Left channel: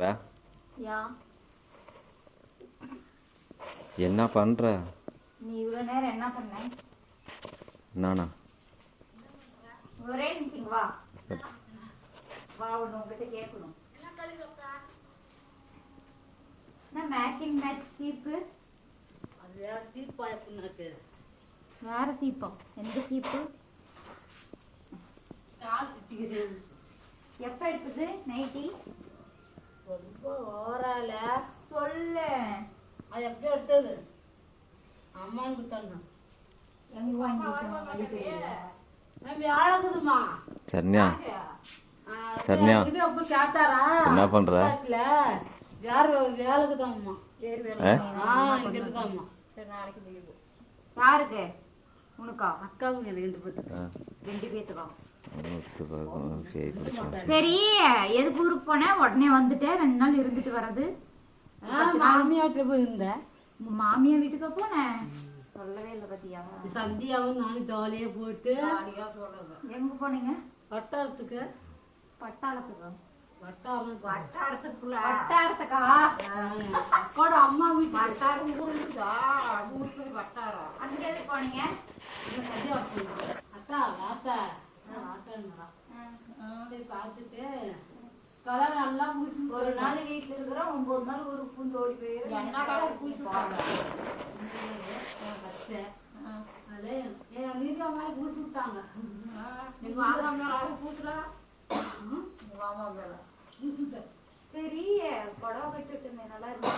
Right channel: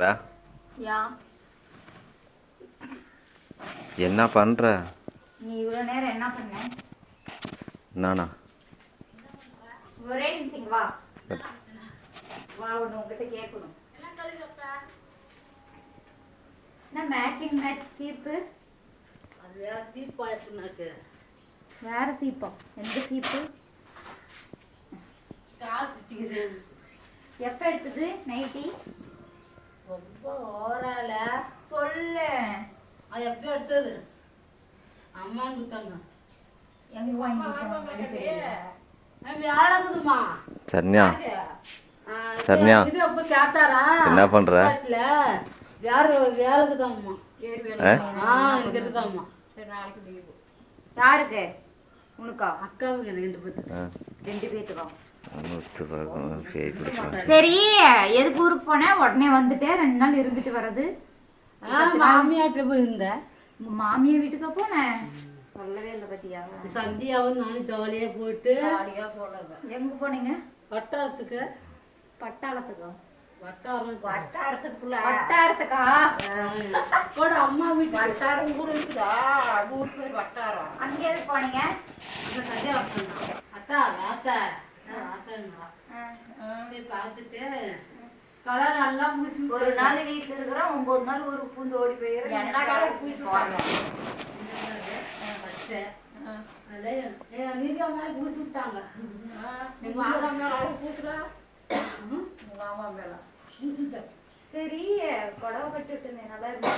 யா என்ன பண்ற? நீ இவ்வளோ நேரம் என்ன பண்ண? நானா? ஒரே நிமிஷம் வா வா, ஒன்று உங்ககிட்ட கேட்கணும். என்ன மேட்சிங் மேட்ச் சீப்பு? அது வேற சீப்பா இருக்குனாக்கு. வேற சீப்பா? எந்த சீப்பு? கால் சுத்திக்குது. எப்போ எடுத்தது நைட்டி? ரொம்ப ஓவரால சொல்லு. அது எப்போ எடுத்தது? அம்மான்னு கொடுத்தாங்க. எங்க வாங்கிட்டு வேலைக்குதுமா சரண்யா, சரண்யா இது எப்போ கேட்டாரா? என்ன பண்ற? யாரு வேலைக்குதாம்மா? இங்கதாம்மா. யாருக்கு? உனக்கா? அக்காவுக்கு ரெண்டு பேத்துக்கு. ரெண்டு பேத்துக்கா? சரி, சரி, எதுக்கு ஊருக்கு போனேன்? உடனே வந்துட்டேன். 2 நாள் இருந்துட்டு வர்றது. மாமியாட்ட போய் இருந்தேன். உங்க மாமியா வீட்டுக்கா போனேன்? சொல்லவே இல்லை பத்தியா? சந்தியாவும் நானும் ஜாலியா போயிட்டு எங்க போனீங்க? வட்டாரத்துக்கு. பட்டாளத்துக்கா? வட்டாரத்துக்குள்ள வட்டாரத்துக்கா? அக்கோட அம்மா வீட்டு வட்டாரம் கூட இருக்குதா? வட்டாரம். அங்க எதுக்கு போனீங்க? அந்த சந்தியா சொன்னா அத்தா வாத்தா பார்த்துட்டு கலர் நல்லா முடிச்சு. ஒரு நாள் வீட்டுல இருக்கிறோம், 9 நாள் ஊருக்கு பூந்து ஓடி போயிடுறோம். என்ன கலர் நீங்க மாதிரி பூசி விட்டாங்க. எங்க மாமா மேல பூசுறா. மாமா மேல பூசிட்டேன். சரி, புடவை கட்டு விட்டுருந்தேன், நல்லா இருக்கு.